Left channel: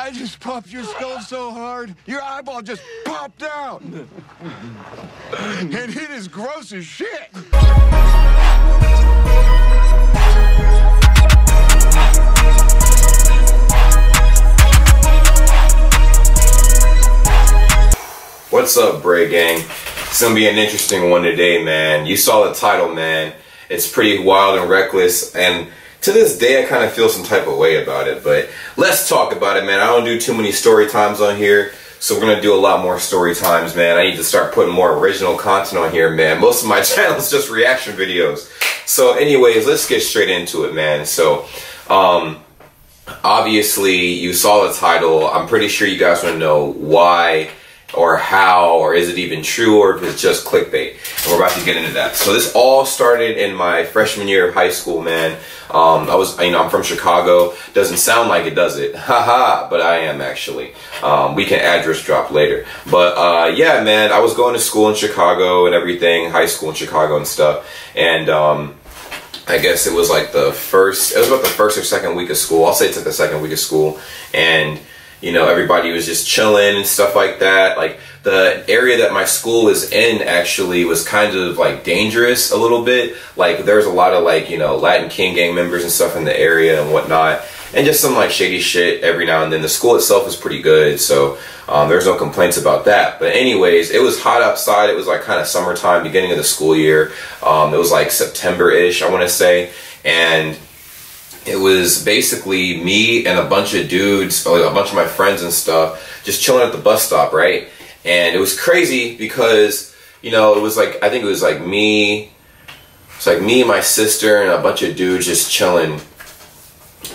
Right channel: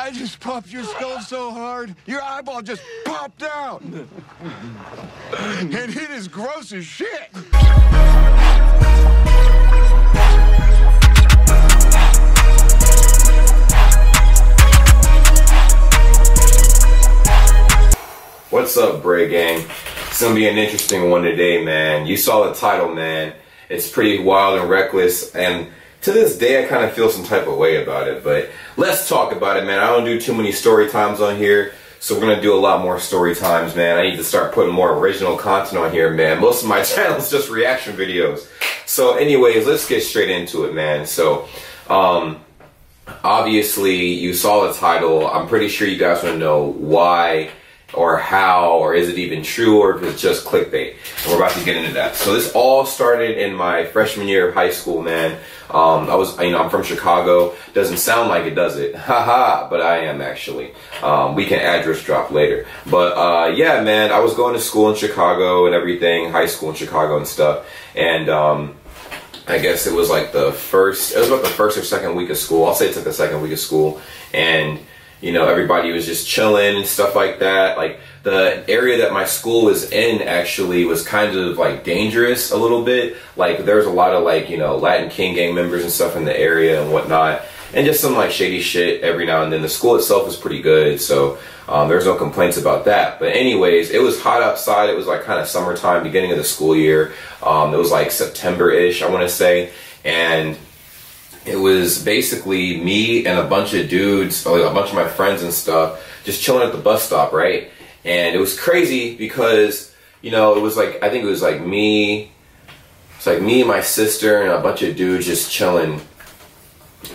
I just popped your skull so hard, your eyeball just popped out. And it is gross as shit. What's up, Bray Gang? It's gonna be an interesting one today, man. You saw the title, man. It's pretty wild and reckless, and to this day, I kind of feel some type of way about it, but let's talk about it, man. I don't do too many story times on here, so we're gonna do a lot more story times, man. I need to start putting more original content on here, man. Most of my channel is just reaction videos. So anyways, let's get straight into it, man. So, obviously, you saw the title. I'm pretty sure you guys want to know why or how, or is it even true, or if it's just clickbait. And we're about to get into that. So this all started in my freshman year of high school, man. I'm from Chicago. Doesn't sound like it, does it? Haha, but I am actually. We can address drop later. But yeah, man, I was going to school in Chicago and everything, high school in Chicago and stuff. And I guess it was like it was about the first or second week of school. I'll say it's like the second week of school. And you know, everybody was just chilling and stuff like that. Like, the area that my school was in actually was kind of like dangerous a little bit. Like, there's a lot of like, you know, Latin King gang members and stuff in the area and whatnot. And just some like shady shit every now and then. The school itself was pretty good, so there's no complaints about that. But anyways, it was hot outside. It was like kind of summertime, beginning of the school year. It was like September-ish, I want to say. And it was basically me and a bunch of dudes, a bunch of my friends and stuff, just chilling at the bus stop, right? And it was crazy because, you know, it was like, I think it was like me, my sister, and a bunch of dudes just chilling,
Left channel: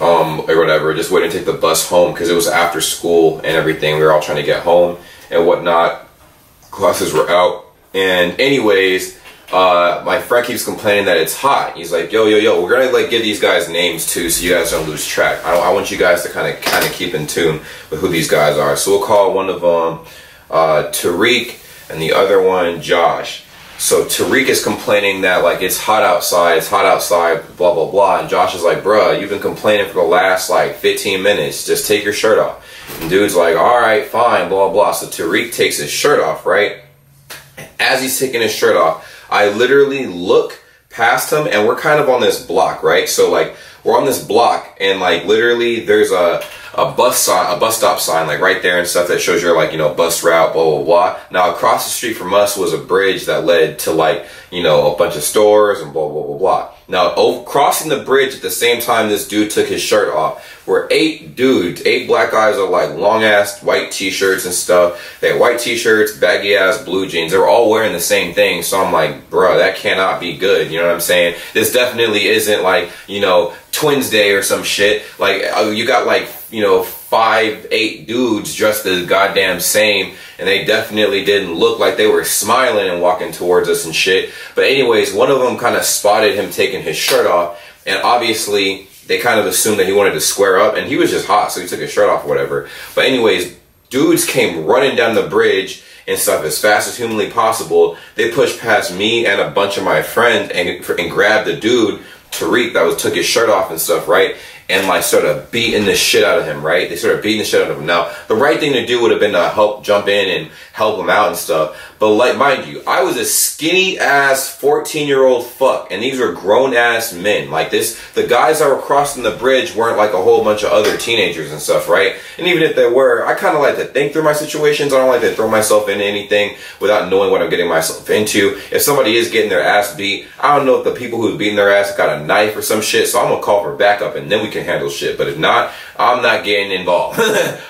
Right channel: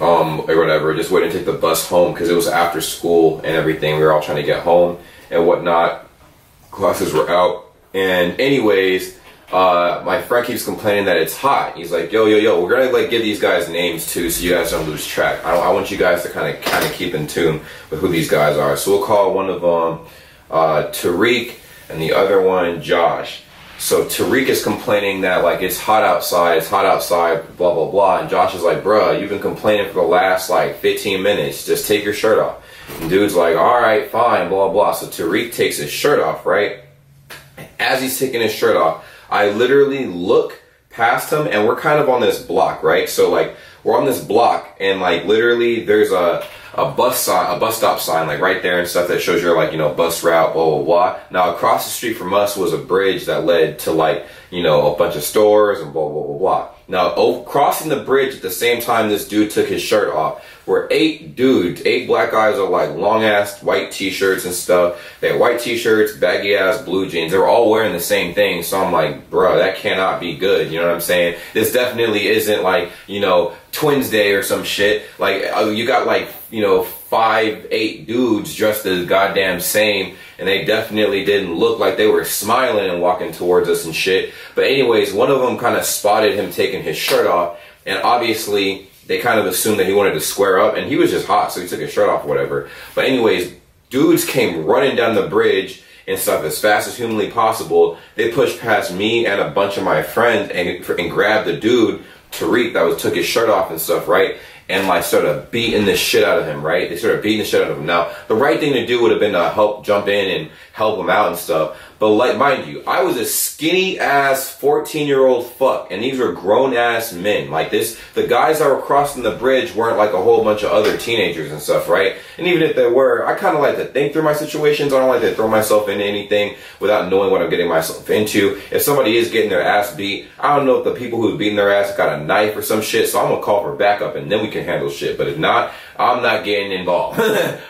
or whatever, just waiting to take the bus home because it was after school and everything. We were all trying to get home and whatnot. Classes were out. And anyways, my friend keeps complaining that it's hot. He's like, yo, we're gonna like give these guys names too, so you guys don't lose track. I want you guys to kind of keep in tune with who these guys are. So we'll call one of them Tariq, and the other one Josh. So Tariq is complaining that like it's hot outside, blah blah blah, and Josh is like, bruh, you've been complaining for the last like 15 minutes. Just take your shirt off. And dude's like, all right, fine, blah blah. So Tariq takes his shirt off, right? As he's taking his shirt off, I literally look past him, and we're kind of on this block, right? So like we're on this block, and like literally there's a bus stop sign like right there and stuff that shows your like, you know, bus route, blah blah blah. Now across the street from us was a bridge that led to like, you know, a bunch of stores and blah blah blah blah. Now crossing the bridge at the same time this dude took his shirt off were 8 dudes, 8 black guys with like long ass white t-shirts and stuff. They had white t-shirts, baggy ass blue jeans. They were all wearing the same thing. So I'm like, bruh, that cannot be good. You know what I'm saying? This definitely isn't like, you know, Twins Day or some shit. Like you got like, you know, 5, 8 dudes dressed the goddamn same, and they definitely didn't look like they were smiling and walking towards us and shit. But anyways, one of them kind of spotted him taking his shirt off, and obviously they kind of assumed that he wanted to square up, and he was just hot, so he took his shirt off or whatever. But anyways, dudes came running down the bridge and stuff as fast as humanly possible. They pushed past me and a bunch of my friends and grabbed the dude, Tariq, that took his shirt off and stuff, right? And like started beating the shit out of him, right? They started beating the shit out of him. Now, the right thing to do would have been to help jump in and help him out and stuff. But like, mind you, I was a skinny ass 14-year-old fuck, and these were grown ass men. Like the guys that were crossing the bridge weren't like a whole bunch of other teenagers and stuff, right? And even if they were, I kind of like to think through my situations. I don't like to throw myself into anything without knowing what I'm getting myself into. If somebody is getting their ass beat, I don't know if the people who's beating their ass got a knife or some shit, so I'm gonna call for backup, and then we can handle shit. But if not, I'm not getting involved.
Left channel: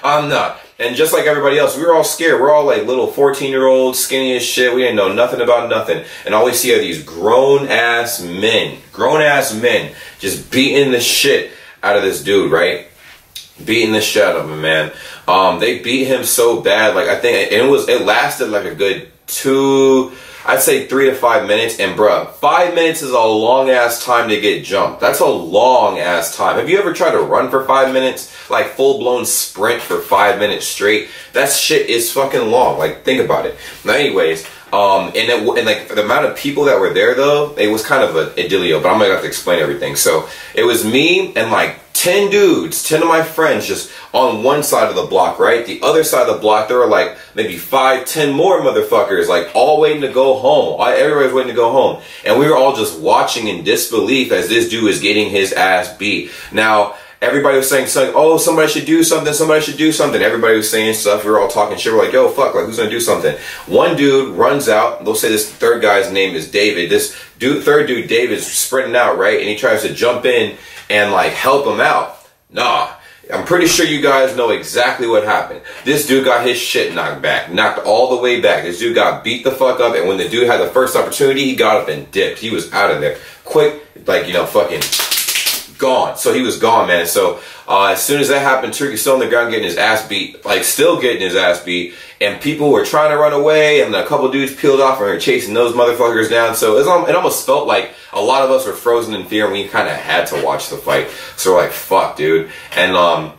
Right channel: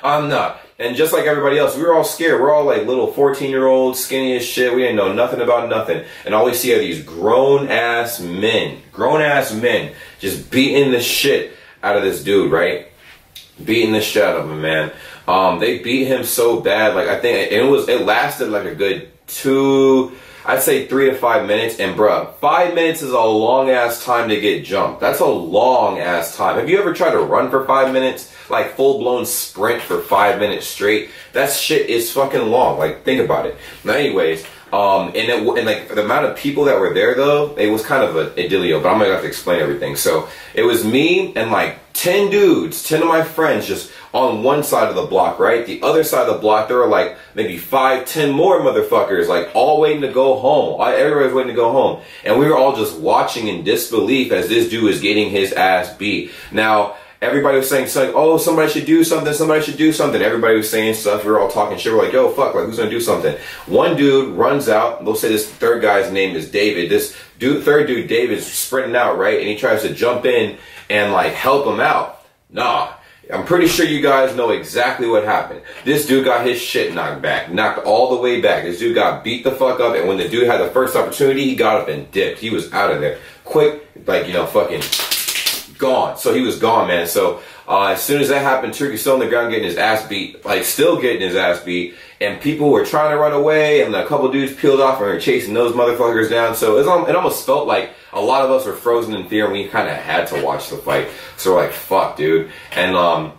I'm not. And just like everybody else, we were all scared. We're all like little 14-year-olds, skinny as shit. We didn't know nothing about nothing. And all we see are these grown-ass men, just beating the shit out of this dude, right? Beating the shit out of him, man. They beat him so bad. Like, I think it lasted like a good 2, I'd say 3 to 5 minutes. And bruh, 5 minutes is a long ass time to get jumped. That's a long ass time. Have you ever tried to run for 5 minutes? Like full blown sprint for 5 minutes straight? That shit is fucking long. Like, think about it. Now anyways, And like the amount of people that were there though, it was kind of a idillio, but I'm gonna have to explain everything. So it was me and like 10 dudes, 10 of my friends just on one side of the block, right? The other side of the block, there were like maybe 5, 10 more motherfuckers, like all waiting to go home. Everybody was waiting to go home. And we were all just watching in disbelief as this dude is getting his ass beat. Now, everybody was saying something, oh, somebody should do something, somebody should do something. Everybody was saying stuff, we were all talking shit, we're like, yo, fuck, like, who's gonna do something? One dude runs out, they'll say this third guy's name is David. This third dude, David's sprinting out, right? And he tries to jump in and, like, help him out. Nah, I'm pretty sure you guys know exactly what happened. This dude got his shit knocked back, knocked all the way back. This dude got beat the fuck up, and when the dude had the first opportunity, he got up and dipped. He was out of there. Quick, like, you know, fucking gone. So he was gone, man. So as soon as that happened, Turkey's still on the ground getting his ass beat, like still getting his ass beat, and people were trying to run away, and a couple dudes peeled off and were chasing those motherfuckers down. So it almost felt like a lot of us were frozen in fear, and we kind of had to watch the fight. So we're like, fuck, dude. And a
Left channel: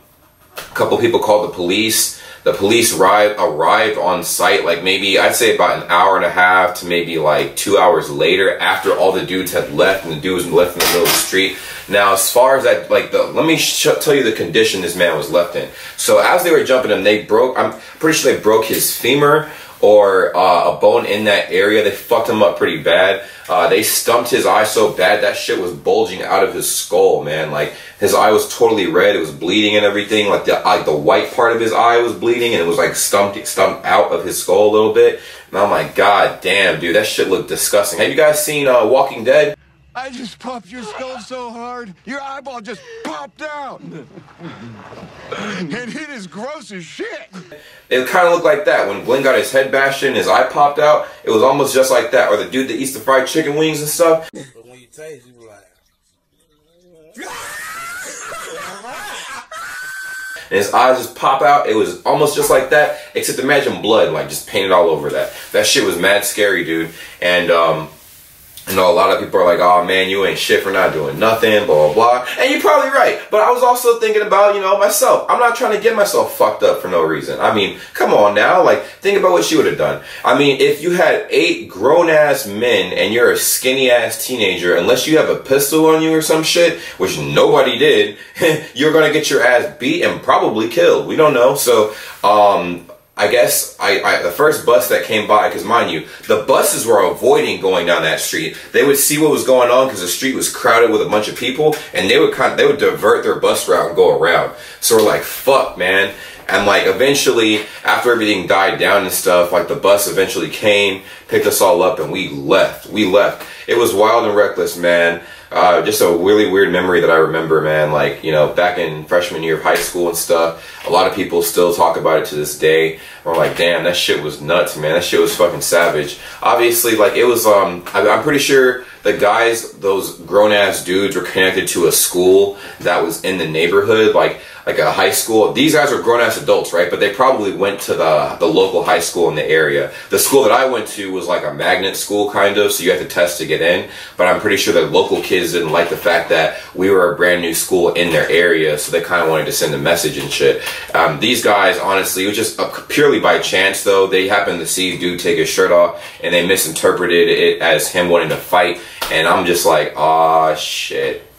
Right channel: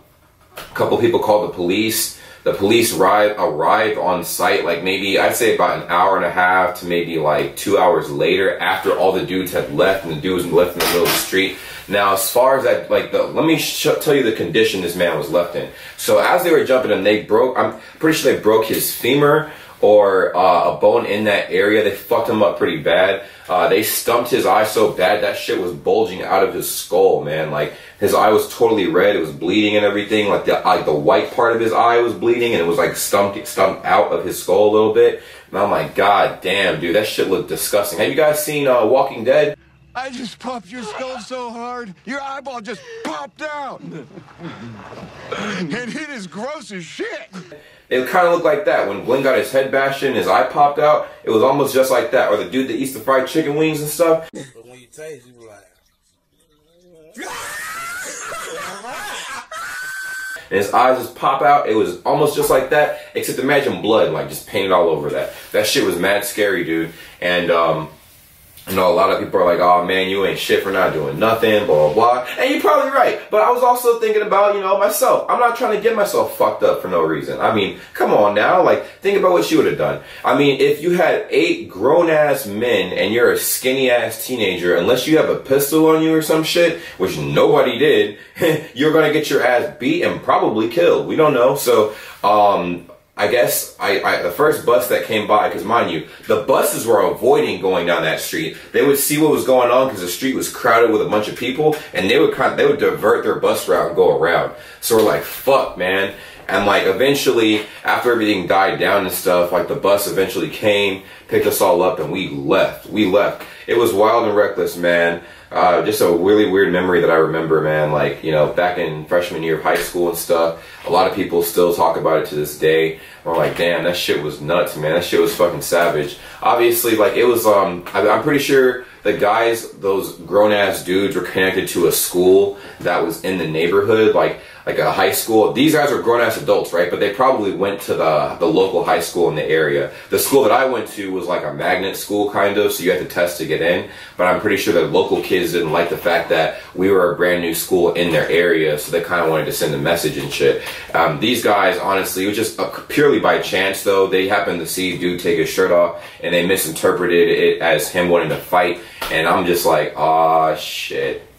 couple people called the police. The police arrived on site, like maybe, I'd say about an hour and a half to maybe like 2 hours later, after all the dudes had left and the dude was left in the middle of the street. Now, as far as that, like, let me tell you the condition this man was left in. So as they were jumping him, I'm pretty sure they broke his femur or a bone in that area. They fucked him up pretty bad. They stumped his eye so bad that shit was bulging out of his skull, man. Like, his eye was totally red. It was bleeding and everything. Like the white part of his eye was bleeding, and it was like stumped out of his skull a little bit. And I'm like, God damn, dude, that shit looked disgusting. Have you guys seen Walking Dead? I just popped your skull so hard, your eyeball just popped out. And it is gross as shit. It kind of looked like that. When Glenn got his head bashed in, his eye popped out. It was almost just like that. Or the dude that eats the fried chicken wings and stuff. But when you taste, you be like... And his eyes just pop out. It was almost just like that, except imagine blood, like, just painted all over that. That shit was mad scary, dude. And, you know, a lot of people are like, oh man, you ain't shit for not doing nothing, blah, blah, blah. And you're probably right. But I was also thinking about, you know, myself. I'm not trying to get myself fucked up for no reason. I mean, come on now. Like, think about what she would have done. I mean, if you had 8 grown-ass men and you're a skinny-ass teenager, unless you have a pistol on you or some shit, which nobody did, you're going to get your ass beat and probably killed. We don't know. So, I guess the first bus that came by, because mind you, the buses were avoiding going down that street. They would see what was going on because the street was crowded with a bunch of people, and they would divert their bus route and go around. So we're like, fuck, man. And like eventually, after everything died down and stuff, like the bus eventually came, picked us all up, and we left. It was wild and reckless, man. Just a really weird memory that I remember, man. Like, you know, back in freshman year of high school and stuff, a lot of people still talk about it to this day. I'm like, damn, that shit was nuts, man. That shit was fucking savage. Obviously, like, it was, I'm pretty sure the guys, those grown-ass dudes, were connected to a school that was in the neighborhood, like a high school. These guys are grown-ass adults, right? But they probably went to the local high school in the area. The school that I went to was like a magnet school, kind of, so you had to test to get in. But I'm pretty sure that local kids didn't like the fact that we were a brand new school in their area, so they kind of wanted to send a message and shit. These guys, honestly, it was just purely by chance, though. They happened to see dude take his shirt off, and they misinterpreted it as him wanting to fight. And I'm just like, aw, shit.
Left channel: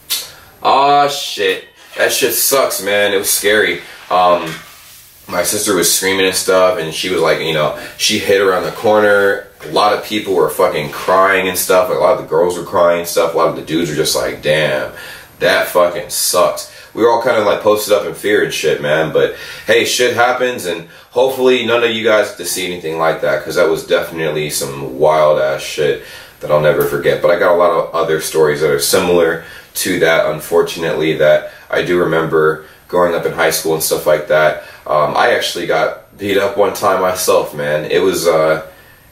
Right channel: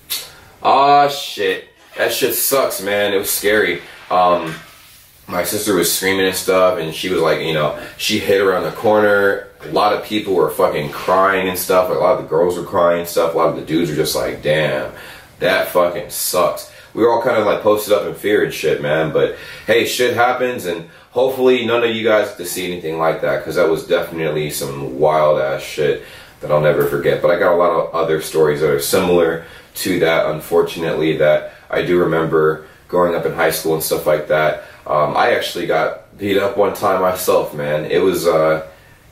Aw, shit. That shit sucks, man. It was scary. My sister was screaming and stuff, and she was like, you know, she hid around the corner. A lot of people were fucking crying and stuff. Like, a lot of the girls were crying and stuff. A lot of the dudes were just like, damn, that fucking sucks. We were all kind of like posted up in fear and shit, man. But hey, shit happens, and hopefully none of you guys get to see anything like that, because that was definitely some wild ass shit that I'll never forget. But I got a lot of other stories that are similar to that, unfortunately, that I do remember growing up in high school and stuff like that. I actually got beat up one time myself, man. It was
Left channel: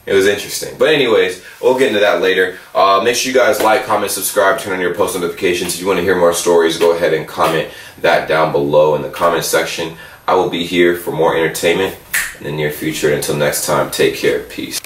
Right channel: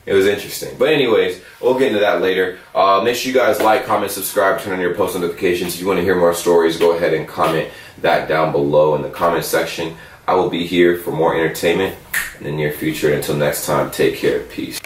interesting. But anyways, we'll get into that later. Make sure you guys like, comment, subscribe, turn on your post notifications. If you want to hear more stories, go ahead and comment that down below in the comment section. I will be here for more entertainment in the near future. Until next time, take care. Peace.